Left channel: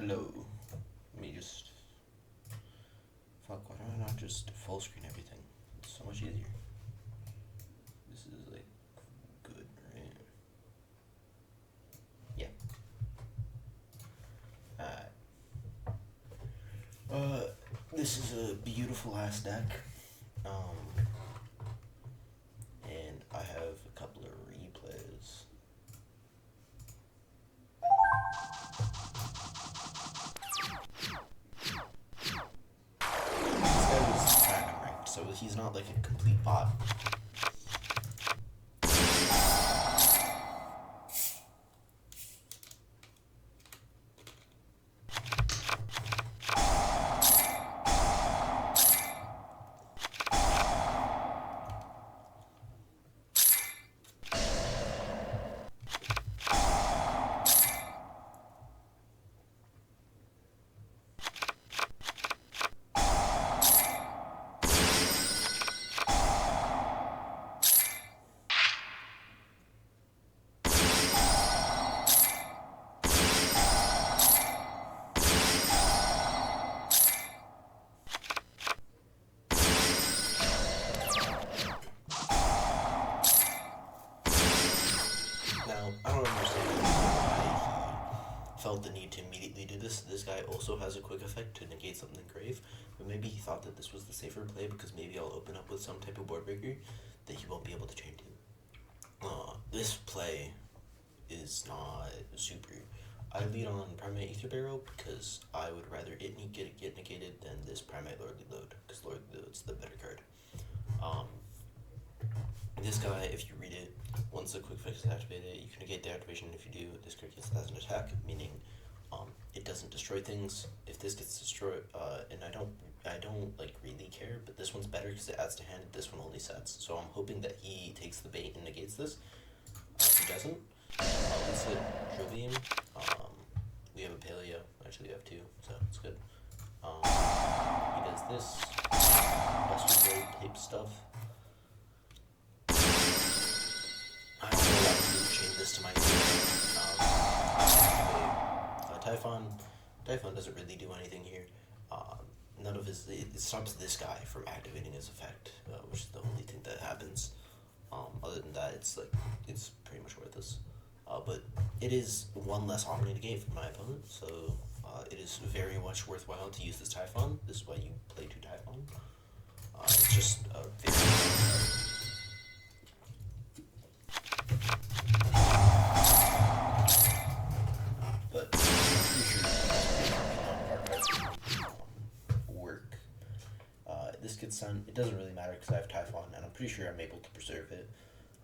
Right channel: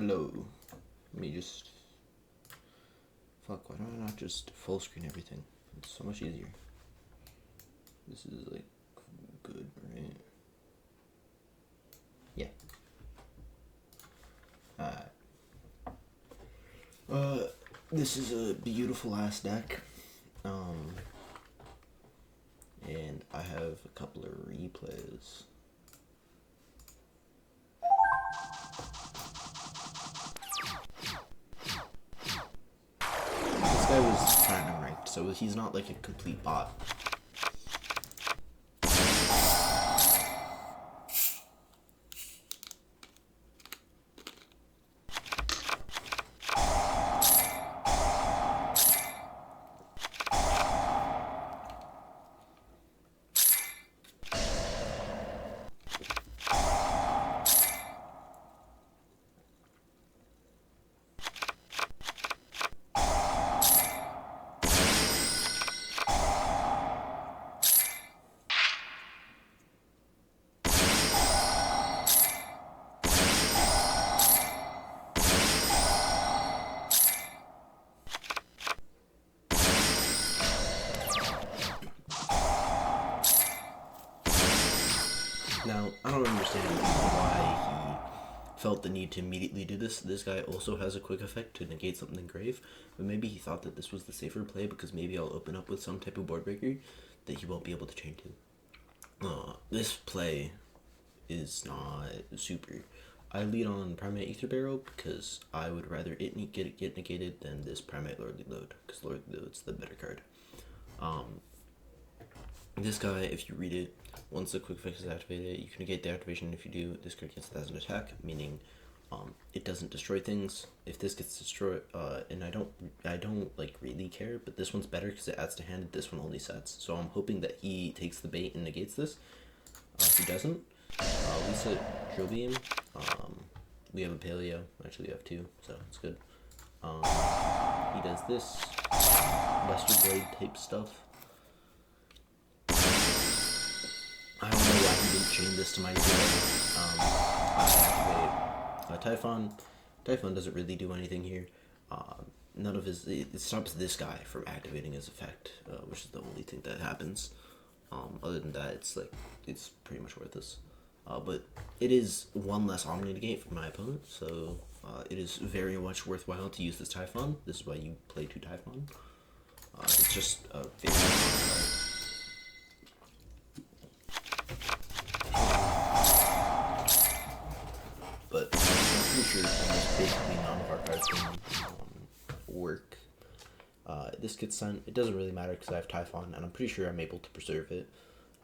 Hello. Let me just... Fuck, why do I not just full screen everything? It's so much easier. This is like good, right? Yeah. This is a beautiful ass deck. And I have a couple of replays. This guy was platinum ranked, so he's not like a complete bot. Now, I don't understand why he felt the need to immediately do this. This guy also has a quick effect to negate something grave, but maybe he thought that this was the safer play because maybe I'll open up with some type of board breaker that he won't be able to chain to. This play is not super. I lead on Primate Ether Barrel because I would rather it get negated than this Primate Lordly Load, because Lordly Load's the better card. This guy, if you read it, once the quick fix is activated, you can negate the activation. If you do, this card gets it as an attack, meaning it doesn't destroy things. If this gets destroyed, and I don't like really care, but this one's better because it adds to hand. This one only sets, so I'm hoping that he takes the bait and negates this. If he doesn't, let's let Drill Beam. We have a paleo. Actually, we have two, so it's good. He does this Buster Blade type stuff. I don't know why he didn't chain this to my Typhon. Typhon doesn't really do anything here. None of his... It stops this guy from activating his effect, which is the only thing that happens. Other than that, it's pretty much worthless. But it is one less Omni negate for my opponent, so it is very much worthwhile to use this Typhon. This is why you play 2 Typhon. It's just a very... work. This gets sent. It doesn't really matter because I have Typhon, and I'm pretty sure I'm able to preserve it.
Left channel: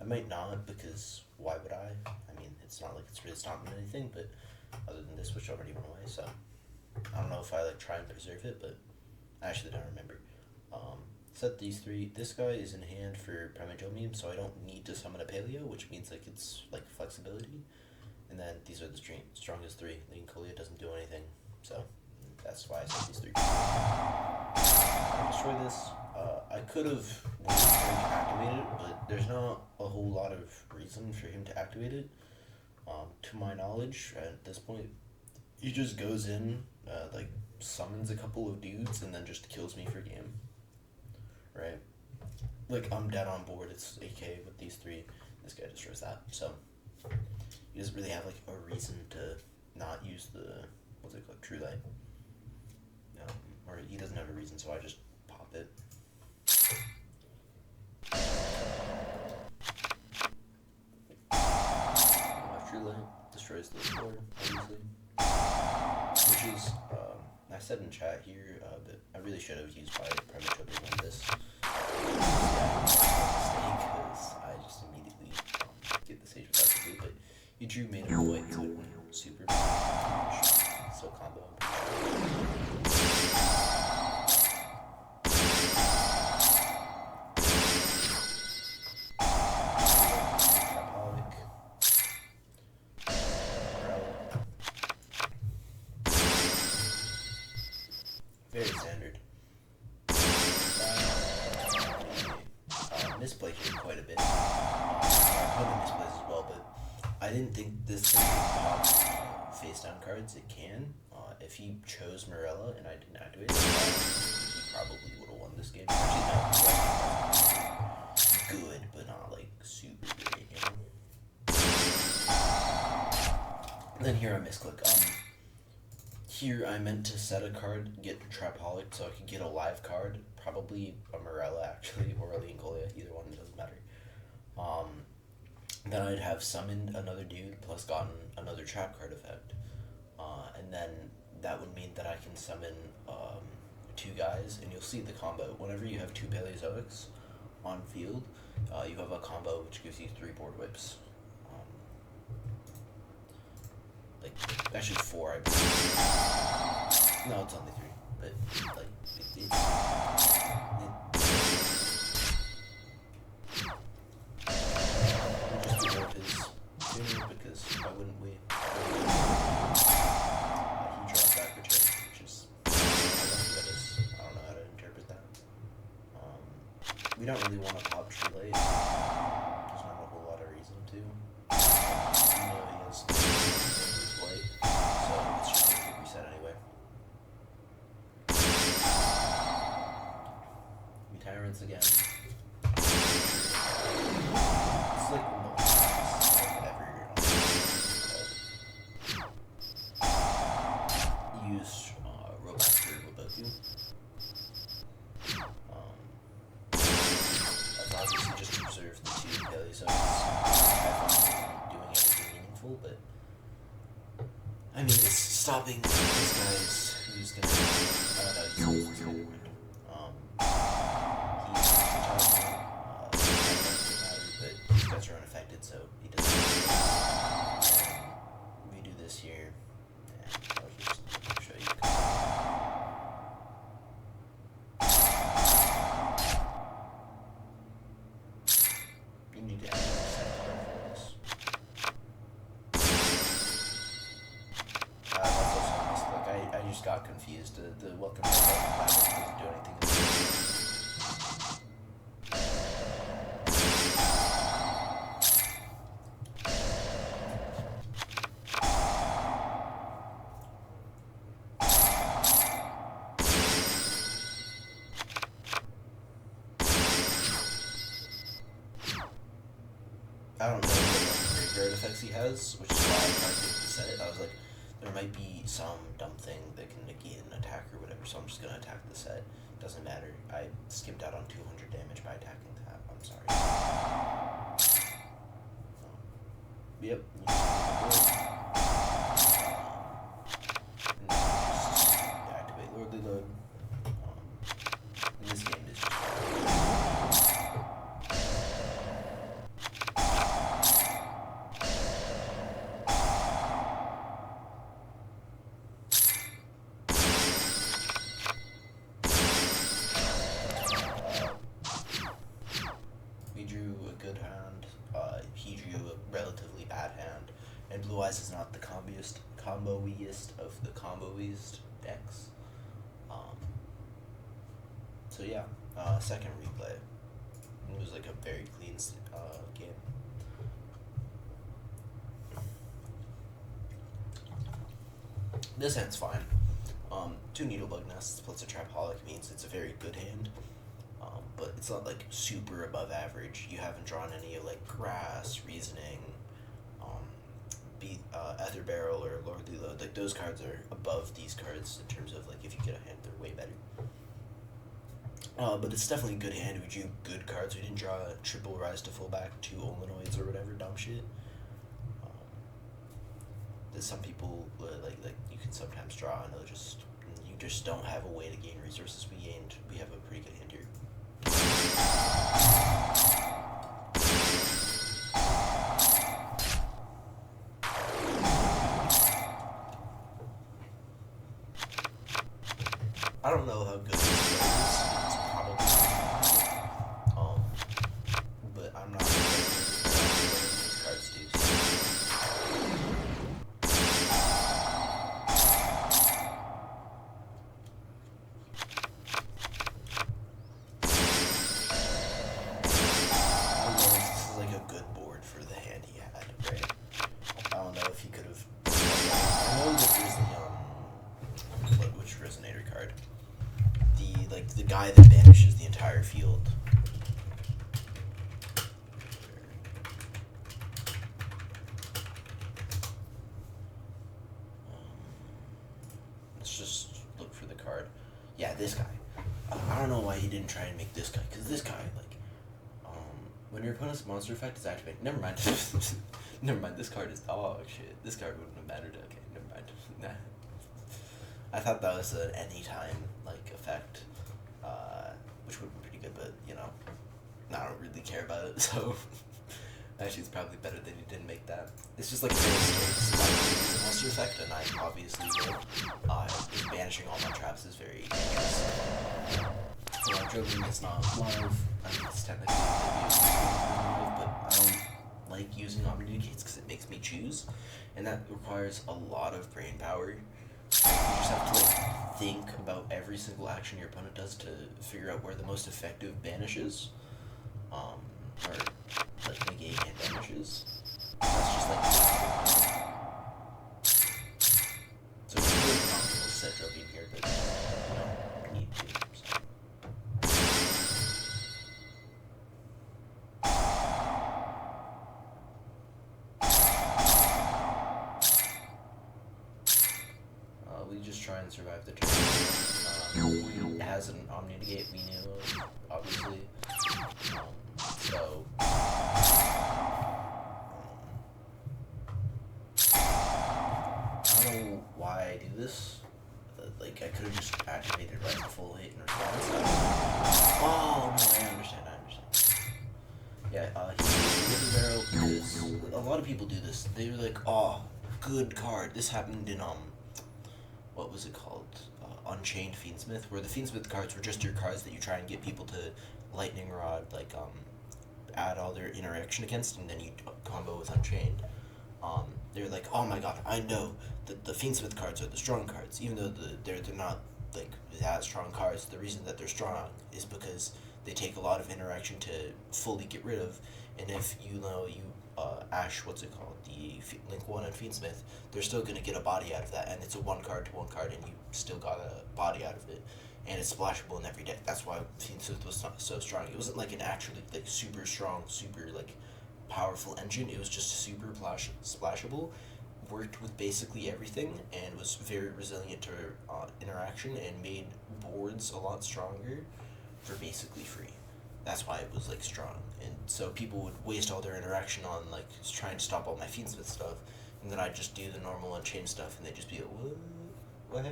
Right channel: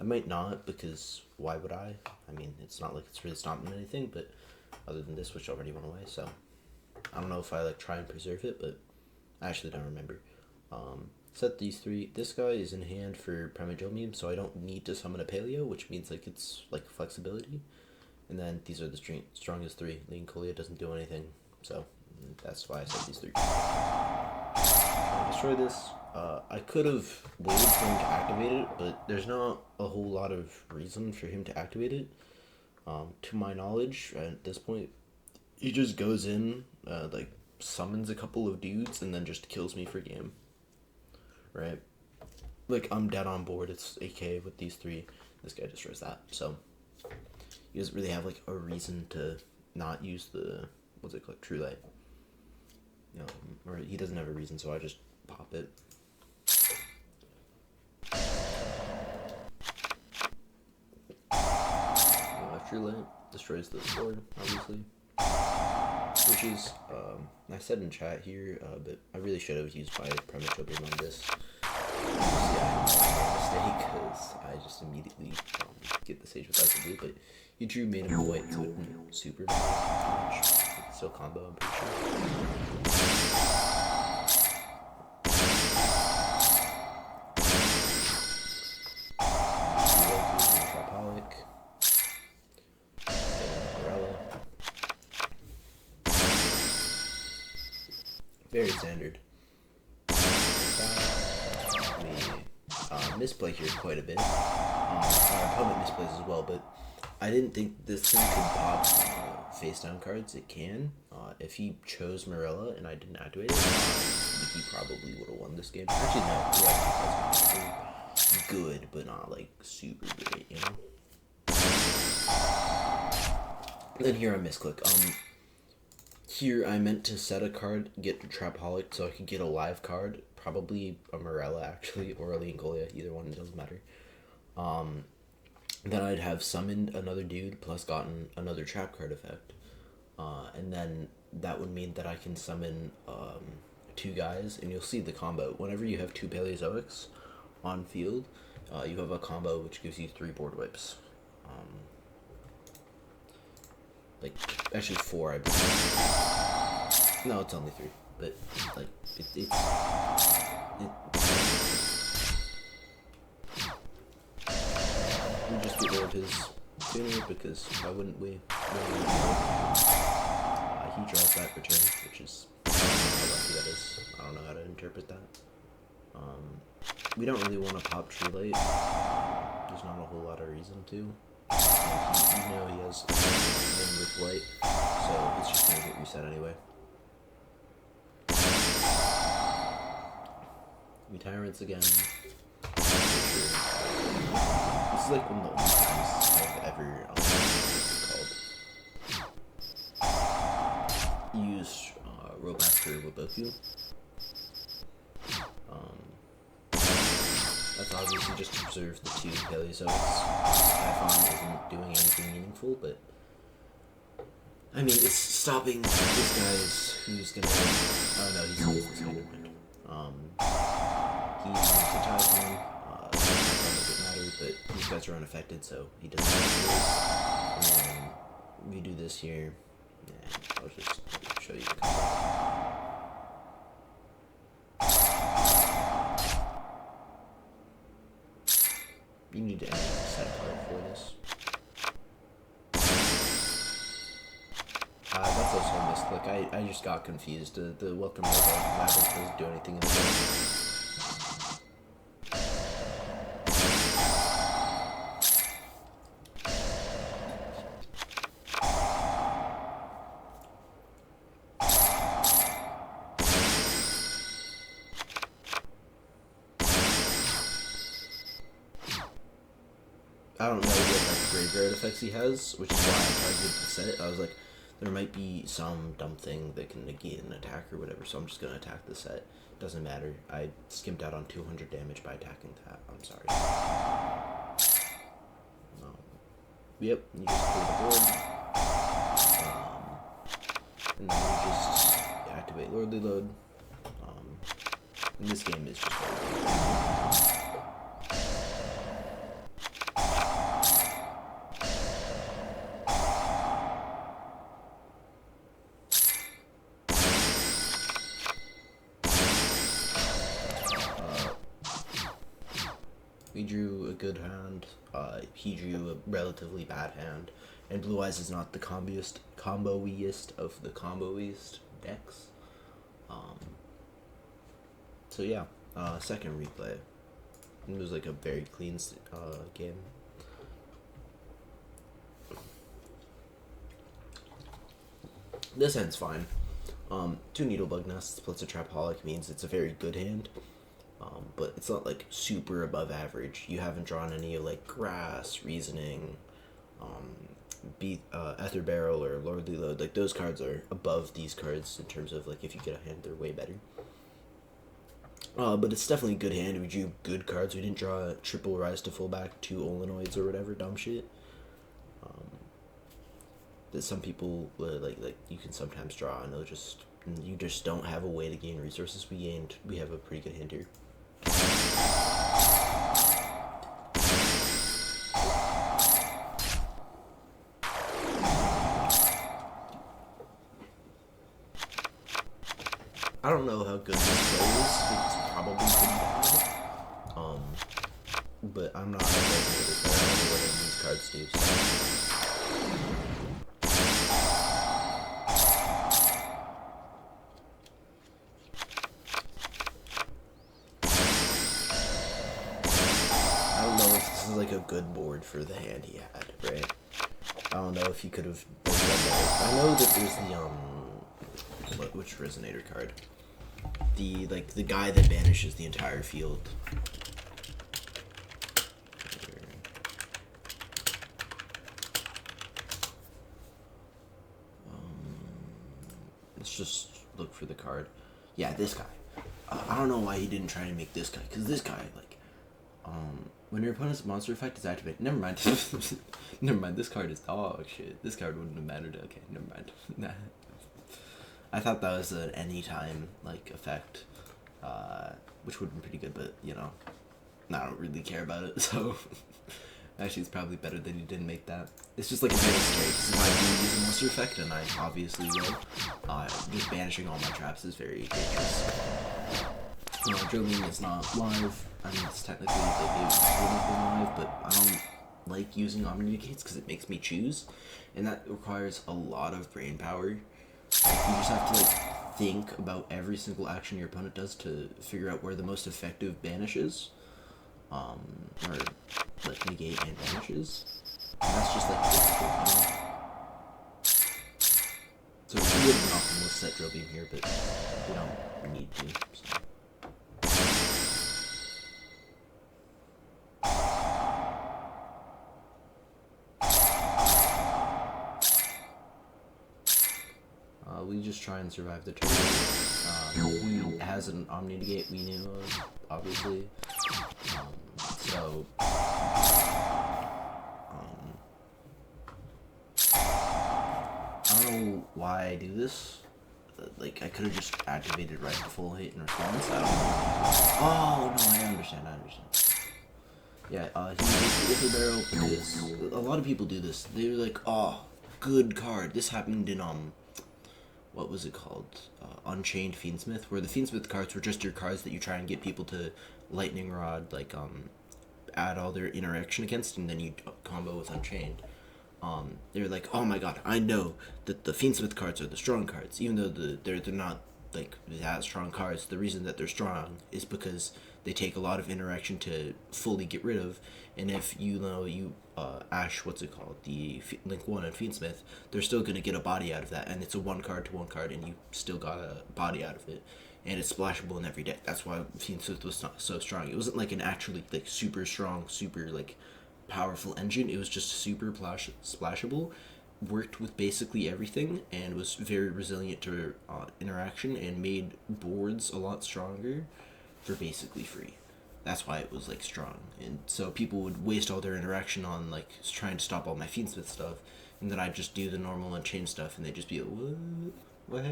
I might not, because why would I? I mean, it's not like it's really stopping anything, but other than this, which already went away, so I don't know if I like try and preserve it, but I actually don't remember. Set these 3. This guy is in hand for Primate Meme, so I don't need to summon a Paleo, which means like it's like flexibility. And then these are the strongest 3. Lincoln doesn't do anything, so that's why I set these 3. I destroy this. I could have waited for him to activate it, but there's not a whole lot of reason for him to activate it. To my knowledge, at this point, he just goes in, like summons a couple of dudes, and then just kills me for game. Right? Like, I'm dead on board. It's AK with these 3. This guy destroys that. So, he doesn't really have, like, a reason to not use the, what's it called, True Light. Or he doesn't have a reason, so I just pop it. True Light destroys the sword, obviously. Which is, I said in chat here, but I really should have used my Primate on this. Mistake, because I just immediately get the stage without the blue, but he drew made him white, so it went super much. Still combo, I'm pretty sure. Very standard. Misplay here quite a bit. Probably misplays as well, but I didn't think this thing could pop face down cards, it can. If he chose Morella and I didn't activate it, he probably would have won this game. Actually, no, he actually has good, but not like super great, you know? And then here I misclick. Here I meant to set a card, get Trapaholic so I could get a live card. Probably a Morella, actually, or a Leoncolia, either one, it doesn't matter. Then I'd have summoned another dude, plus gotten another trap card effect. And then that would mean that I can summon two guys, and you'll see the combo. Whenever you have two Paleozoics on field, you have a combo which gives you 3 board wipes. Like, actually 4, I believe. No, it's only 3, but, like, it's we'll just be rid of his tuner, because why wouldn't we? He draws back return, which is, I don't know how to interpret that. We don't really want to pop Tree Light. There's not a whole lot of reason to. You know he has one with white, so it's just going to get reset anyway. We Tyrants again. This is like one of the last times I've ever used rollback for Waboku. That's obviously just to preserve the 2 Paleozoics. I isn't doing anything meaningful, but I mean, it's stopping this guy's who's gonna. Oh no, he's gonna win. He's Typhon. Doesn't matter, but these guys are unaffected, so he doesn't. We do this here. Yeah, I'll just show you. You need to enter the set for this. That's also a misclick. I just got confused. The welcome doesn't do anything in the game. I don't know what graveyard effects he has, which is why I tried to set it. I was like, there might be some dumb thing that can negate an attack or whatever, so I'm just going to attack the set. Doesn't matter. I skimped out on 200 damage by attacking that. I'm sorry. Yep, you just clear the board. And then you just activate Lordly Load. And this game is just... drew a good hand, he drew a relatively bad hand, and Blue Eyes is not the comboiest of the comboiest decks. So yeah, second replay. It was like a very clean game. This hand's fine. 2 Needlebug Nests plus a Trapaholic means it's a very good hand. But it's not like super above average. You haven't drawn any like Grass, Reasoning, Ether Barrel, or Lordly Load. Like those cards are above these cards in terms of like if you get a hand, they're way better. But it's definitely a good hand. We drew good cards. We didn't draw a triple Rise to Fullback, 2 Olenoids or whatever dumb shit. That some people like you can sometimes draw, and you just don't have a way to gain resources. We have a pretty good hand here. I don't know how good this play is. It's probably pretty bad. But I'm not sure what these cards do. Good board for the hand he had, right? I don't know if he could have of. I know that there's the which resonator card? The guy that banishes the entire field. Let's just look for the card. Yeah, this guy. I don't know why he didn't try and make this guy, because this guy, like, when your opponent's monster effect is activated, never mind. Never mind, this card is dog shit. This card wouldn't have mattered. Okay, never mind. Nah. I thought that was an anytime, like, effect, which would have been pretty good, but, you know, I don't really care about it, so actually it's probably better that he didn't make that. It's just like a banish straight. It's a monster effect, and I obviously will. Banishing all my traps is very dangerous. Drilling is not live. I mean, it's technically live, but I don't like using omni-negates because it makes me choose, and that requires a lot of brain power. You just have to like think about every single action your opponent does to figure out where the most effective banish is, or like negate and banishes. That's just like so it's really optimal set drill beam here, but we don't need to. So. We just try and survive the turn. It has an omni negate we knew of, obviously. So I don't know why I do this. Like, I could have just activated right to full hit and response. Oh, no, I understand. Yeah, with the barrel is, a lot of people do this. They're like, oh, good card. This happened in, what was it called? Unchained Fiendsmith, where the Fiendsmith cards were just your cards that you try and get people to Lightning Rod, like, add all their interaction against, and then you combo with Unchained. They're like, oh my god, I know that the Fiendsmith cards are the strong cards, even though they're not, like, that strong cards. The reason that they're strong is because they take a lot of interaction to fully get rid of, and if you Ash, what's it called, the Link 1 and Fiendsmith, they're still going to get a body out of that, and it's a 1 card to 1 card, and you still got a body out of it, and it's splashable in every deck. That's why Fiendsmith was so strong. It wasn't like an actually, like, super strong, super, like, powerful engine. It was just super splashable, worked with basically everything, and was very resilient to interaction, and made boards a lot stronger for basically free. That's why it was, like, strong. And so people would waste all their interaction on, like, trying to stop all my Fiendsmith stuff, and then I'd just do the normal Unchained stuff, and they'd just be like, what?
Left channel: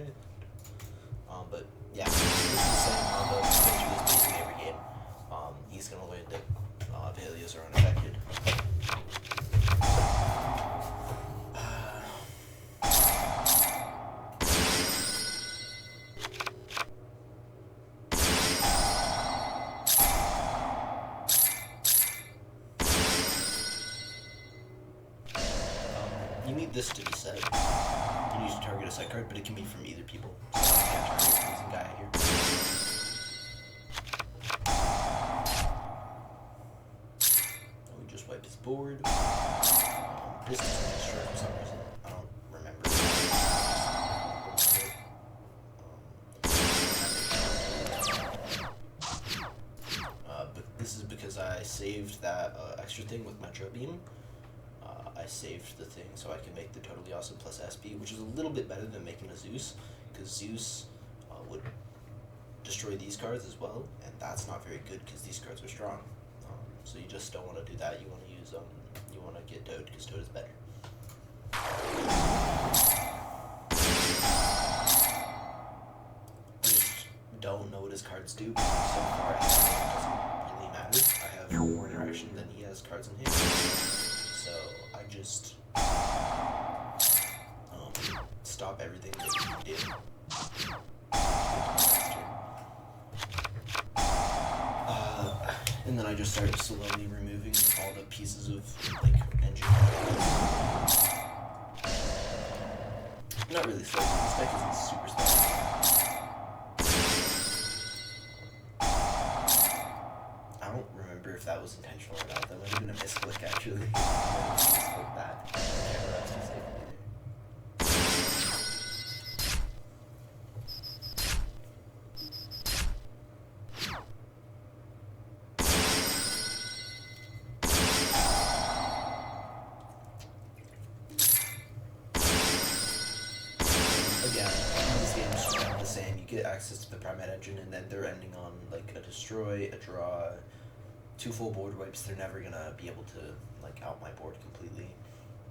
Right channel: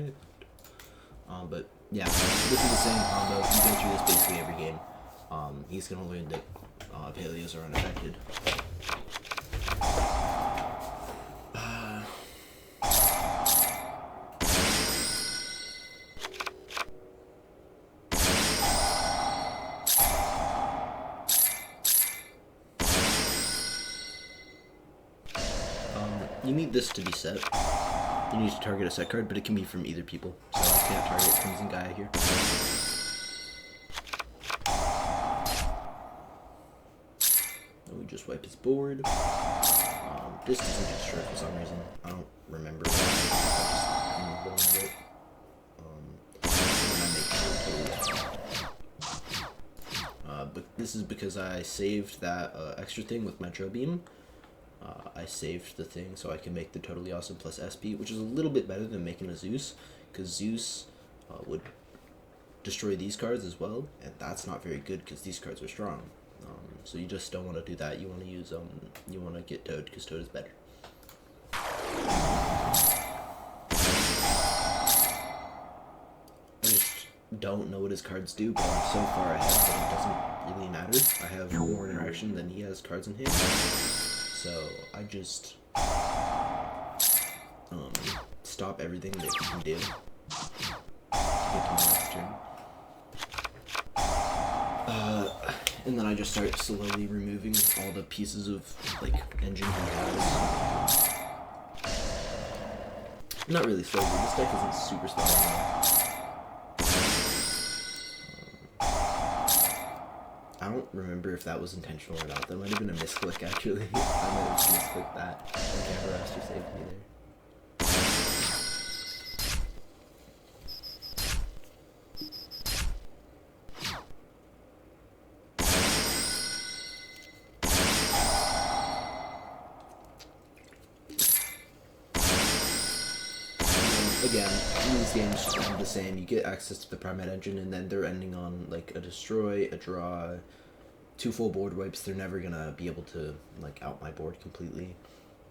But, yeah, this is the same combo. You go through this basically every game. He's gonna learn that Paleos are unaffected. You need this to be set. You need to target a set card, but it can be from either people. So you can't target Crimson Guy here. And we just wipe his board. This doesn't get struck for some reason. I don't remember. But this is because I saved that extra thing with Metro Beam. I saved the thing so I can make the Totally Awesome plus SP, which is a little bit better than making a Zeus, because Zeus would destroy these cards as well, and that's not very good because these cards are strong. So you just don't want to do that. You want to use you want to get Toad because Toad is better. I just don't know what his cards do, but so far I think it doesn't really matter. I have more interaction than he has cards in hand. So I just stop everything that he did to get to my next turn. And then I just start slowly removing all the pieces of, like, engine. Not really slowly. This deck isn't super slow. I don't remember if that was intentional or not. That might have been a misclick, actually. I might have misclicked that. I never asked for safety there. again, these games are the same. You get access to the primite engine, and then they're ending on like a destroy, a draw, 2 full board wipes. They're never gonna be able to like out my board completely.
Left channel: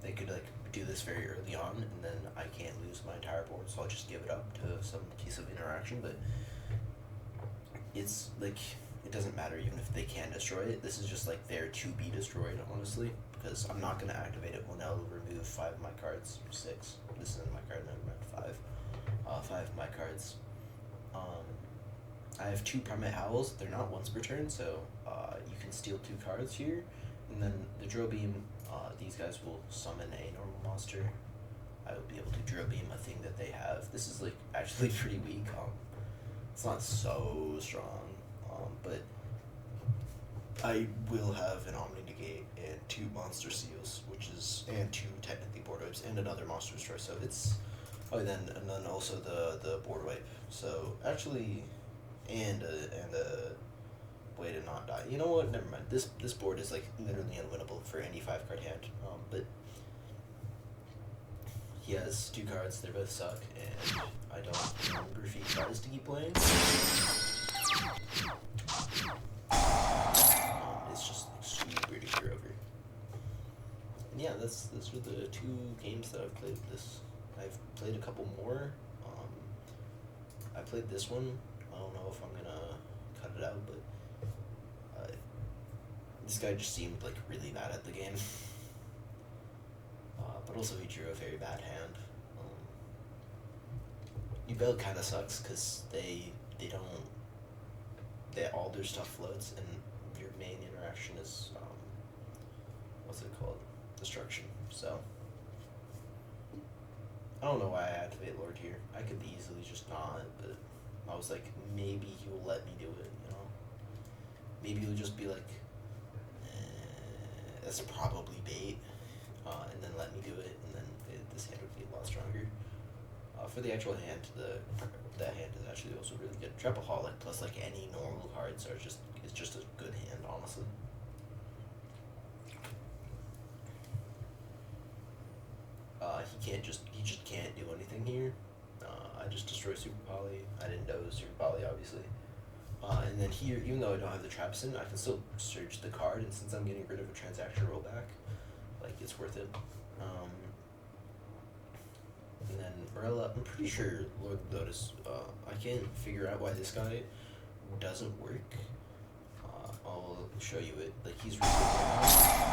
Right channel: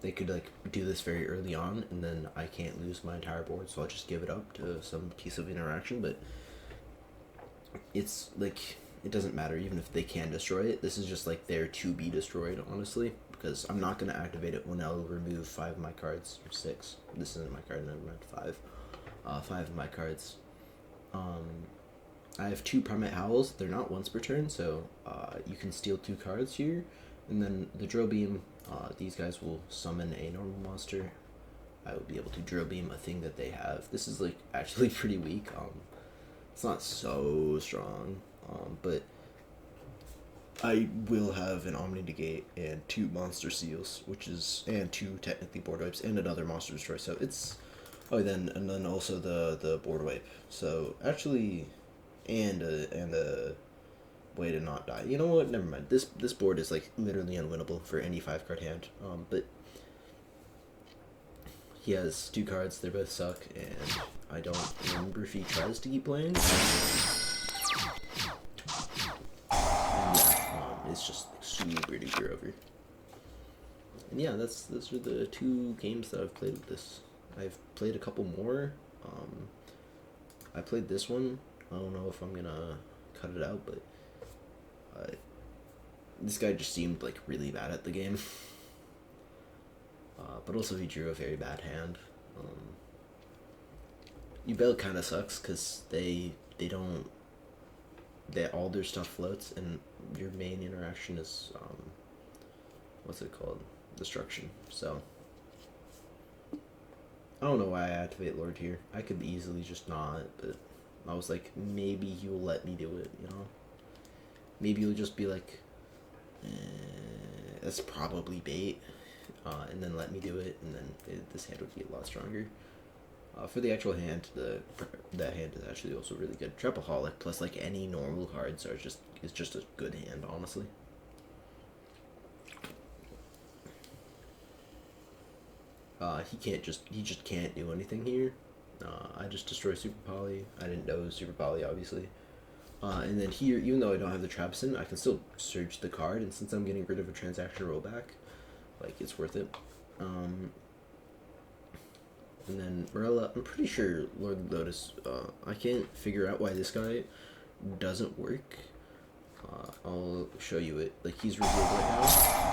They could like do this very early on, and then I can't lose my entire board, so I'll just give it up to some piece of interaction. But it's like it doesn't matter even if they can destroy it. This is just like there to be destroyed, honestly, because I'm not gonna activate it when I'll remove 5 of my cards. 6. This isn't my card. Never mind. 5. 5 of my cards. I have 2 primate howls. They're not once per turn, so you can steal 2 cards here, and then the drill beam. These guys will summon a normal monster. I will be able to drill beam a thing that they have. This is like actually pretty weak. It's not so strong, but I will have an Omni Negate and 2 monster seals, and 2 technically board wipes and another monster destroy. So it's and then also the board wipe. So actually, and a way to not die. You know what? Never mind. This board is like literally unwinnable for any 5-card hand. But he has 2 cards. They both suck, and I don't remember if he tries to keep playing. It's just like, super duper over. And yeah, those are the 2 games that I've played with this. I've played a couple more. I played this one. I don't know if I'm gonna cut it out, but this guy just seemed like really bad at the game. But also he drew a very bad hand. Ubel kind of sucks because they all their stuff floats, and your main interaction is what's it called? Destruction. So I don't know why I activate Lord here. I could easily just not, but I was like, maybe he will let me do it, you know? Maybe he'll just be like, that's probably bait, and then let me do it, and then this hand would be a lot stronger. For the actual hand, that hand is actually also really good. Trapaholic plus like any normal cards is just a good hand, honestly. He just can't do anything here. I just destroy Super Poly. I didn't know it was Super Poly, obviously. And then here, even though I don't have the traps in, I can still search the card, and since I'm getting rid of a transaction rollback, like, it's worth it. And then Morella, I'm pretty sure Lord Lotus, I can't figure out why this guy doesn't work. I'll show you it. Like, he's revealed right now.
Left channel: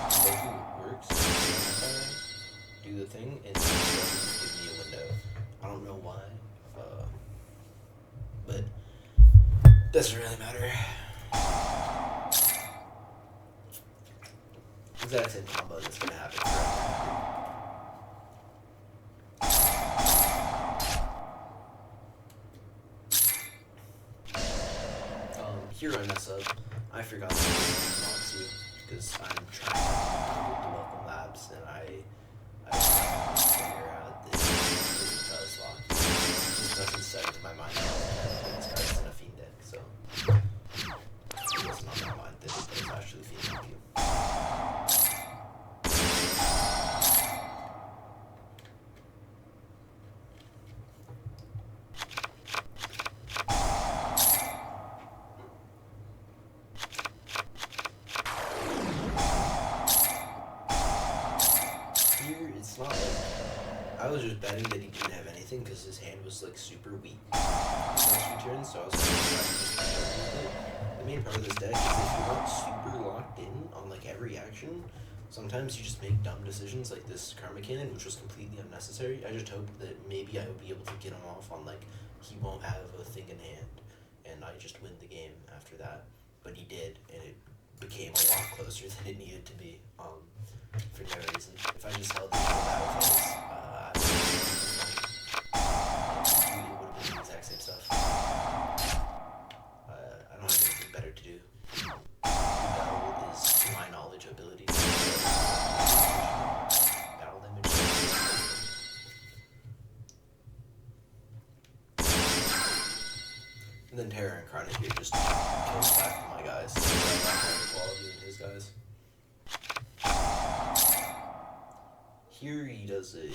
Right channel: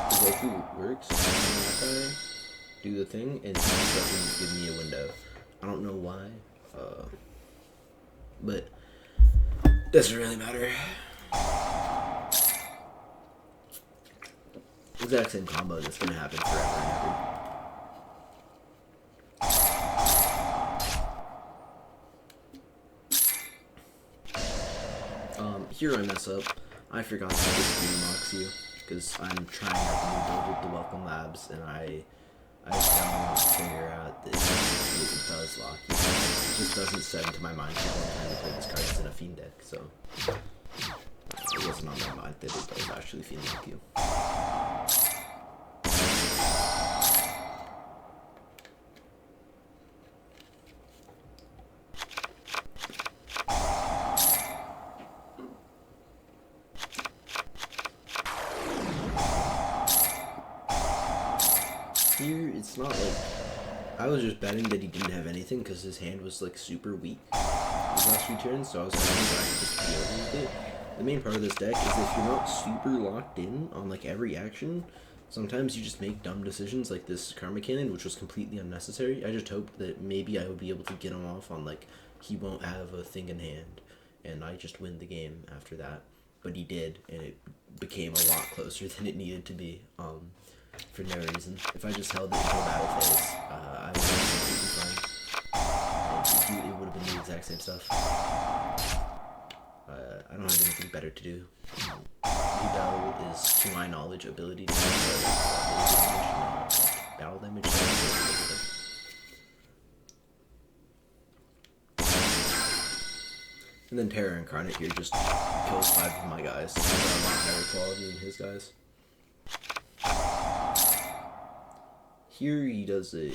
The way he works, do the thing, and he doesn't give me a window. I don't know why, but doesn't really matter. Exact same combo that's gonna happen forever and ever. Here I mess up. I forgot to unlocks you because I'm trying to build with the Welcome Labs, and I can't figure out that it does lock you. It just doesn't set into my mind that this card's in a Fiend deck, so it wasn't on my mind that it does actually Fiend lock you. It's not like I was just betting that he didn't have anything because his hand was like super weak his last 2 turns, so I was hoping that I could just deal with it. The main part of this deck is if you're not super locked in on like every action, sometimes you just make dumb decisions like this Karma Cannon, which was completely unnecessary. I just hoped that maybe I would be able to get him off on like he won't have a thing in hand, and I just win the game after that. But he did, and it became a lot closer than it needed to be. For no reason. If I just held it for battle phase, I would have been it would have been the exact same stuff. I don't have anything better to do. Rebel is, to my knowledge, ability to battle damage. And then Terror Incarnate here just kills 5 of my guys. Higher quality than his guys. Here he does a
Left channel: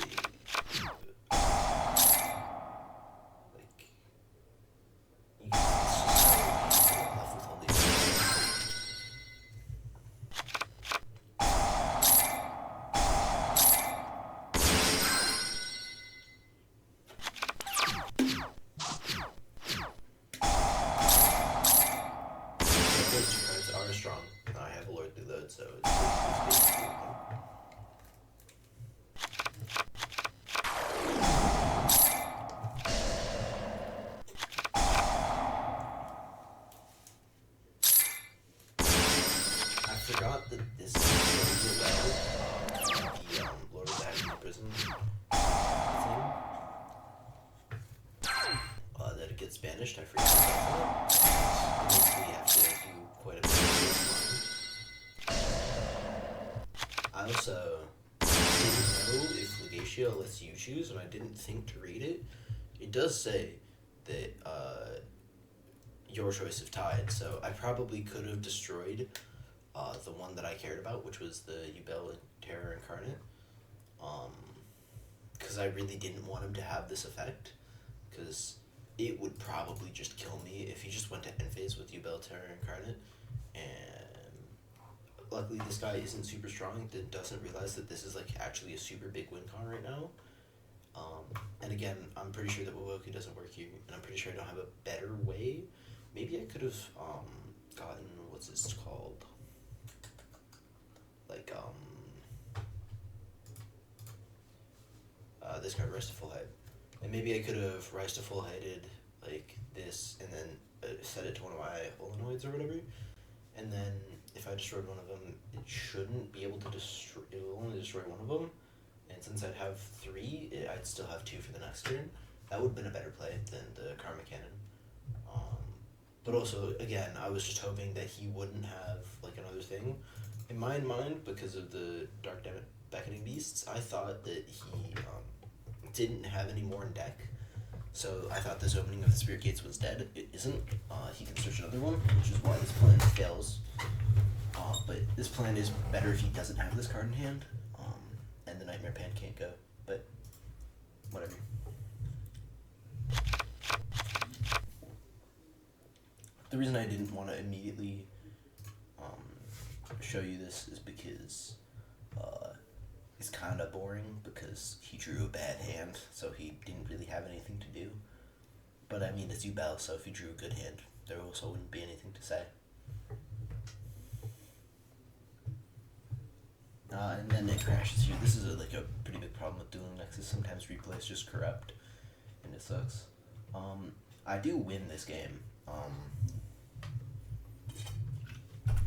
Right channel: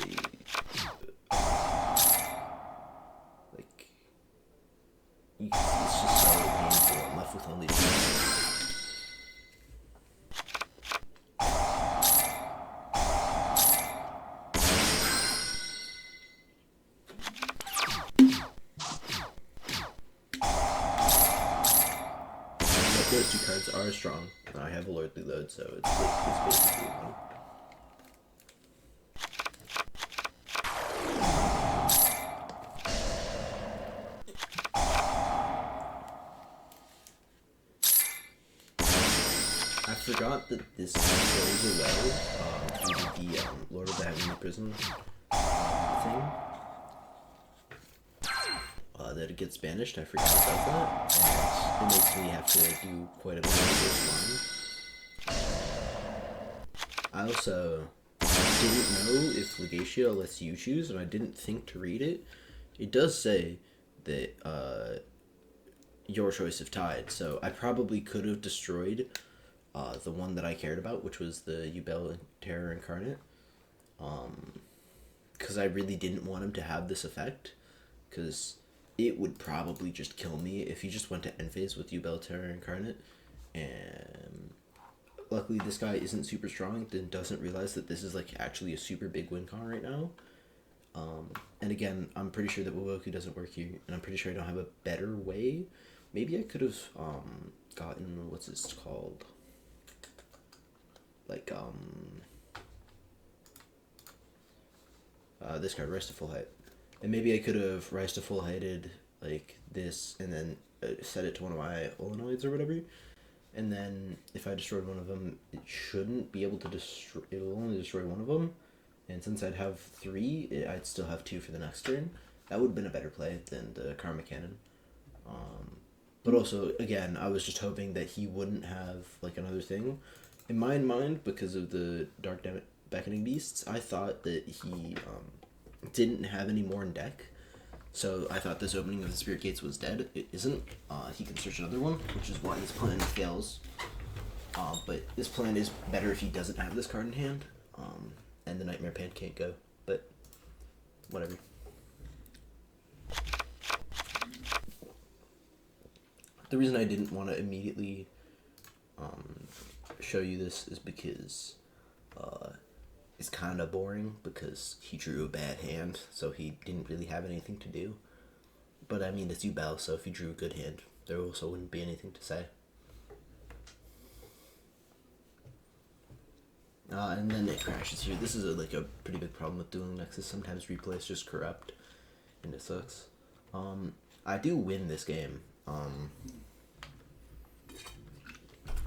not that this goes well the Lord of the Heavenly Prison thing. That it gets banished, I forget about that. And it makes me have to do quite a bit of this. I also didn't know if Legatio lets you choose, and I didn't think to read it. It does say that your choice if tied, so I probably could have destroyed the one that I cared about, which was the Yubel Terror Incarnate, because I really didn't want him to have this effect, because it would probably just kill me if he just went to end phase with Yubel Terror Incarnate, and luckily this guy isn't super strong, then doesn't realize that this is like actually a super big win con right now. And again, I'm pretty sure that Wowoku doesn't work here, and I'm pretty sure I don't have a better way. Maybe I could have gotten, what's this called? Like, this card, Rise to Full Height. And maybe I could have Rise to Full Heighted, like, this, and then set it to one of my Olenoids or whatever. And then, if I destroyed one of them, it shouldn't be able to destroy, it'll only destroy one of them. And since I'd have 3, I'd still have 2 for the next turn. That would have been a better play than the Karma Cannon. But also, again, I was just hoping that he wouldn't have, like, another thing. In my mind, because of the Dark Beckoning Beasts, I thought that he didn't have any more in deck. So I thought this opening of the Spirit Gates was dead. It isn't. He can search another one, which is why this plan fails. But this plan is better if he doesn't have this card in hand. And the Nightmare Pan can't go. But, whatever. The reason I didn't want to immediately show you this is because it's kind of boring, because he drew a bad hand, so he didn't really have anything to do. But I mean, it's Yubel, so if he drew a good hand, there also wouldn't be anything to say. And then it crashes here. This is a pretty big problem with Dueling Nexus. Sometimes replays just corrupt, and it sucks. I do win this game.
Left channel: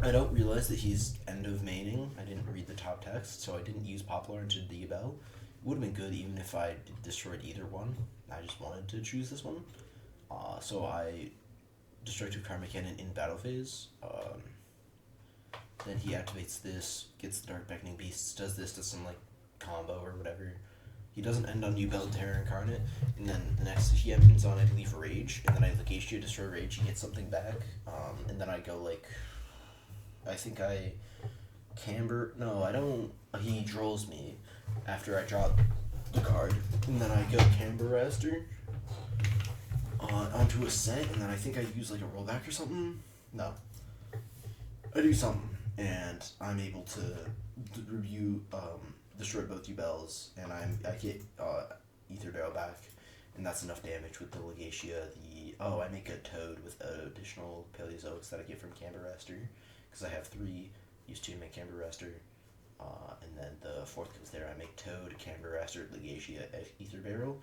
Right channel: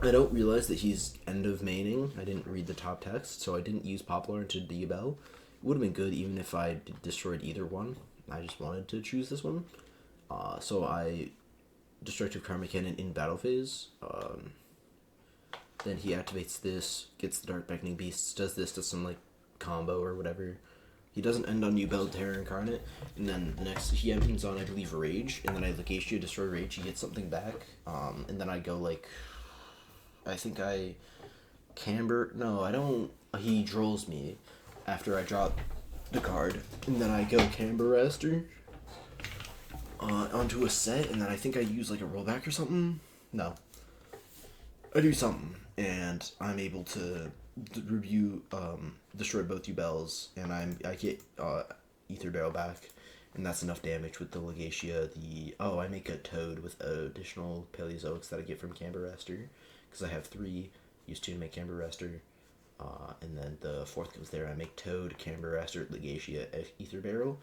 I don't realize that he's end of maining. I didn't read the top text, so I didn't use Poplar into Diabel. It would have been good even if I destroyed either one. I just wanted to choose this one. So I Destructive Karma Cannon in battle phase. Then he activates this, gets the Dark Beckoning Beasts, does some like combo or whatever. He doesn't end on Yubel Terror Incarnate, and then the next he ends on, I believe, Rage, and then I Legatio destroy Rage, he gets something back, and then I go like, I think I Camber, no, I don't, he draws me after I drop the card, and then I go Camber Raster onto a set, and then I think I use like a rollback or something. No, I do something, and I'm able to review, destroy both Yubels, and I get Ether Barrel back, and that's enough damage with the Legatia. I make a Toad with additional Paleozoics that I get from Camber Raster, because I have 3, use 2 to make Camber Raster, and then the 4th goes there. I make Toad, Camber Raster, Legatia, Ether Barrel.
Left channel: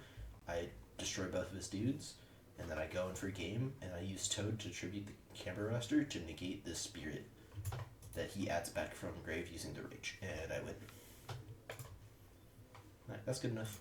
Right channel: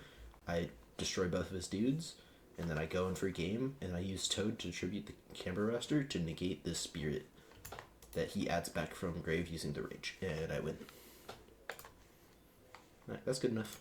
I destroy both of his dudes, and then I go in for a game, and I use Toad to tribute the Camber Raster to negate the Spirit that he adds back from grave using the Rage, and I win. Alright, that's good enough.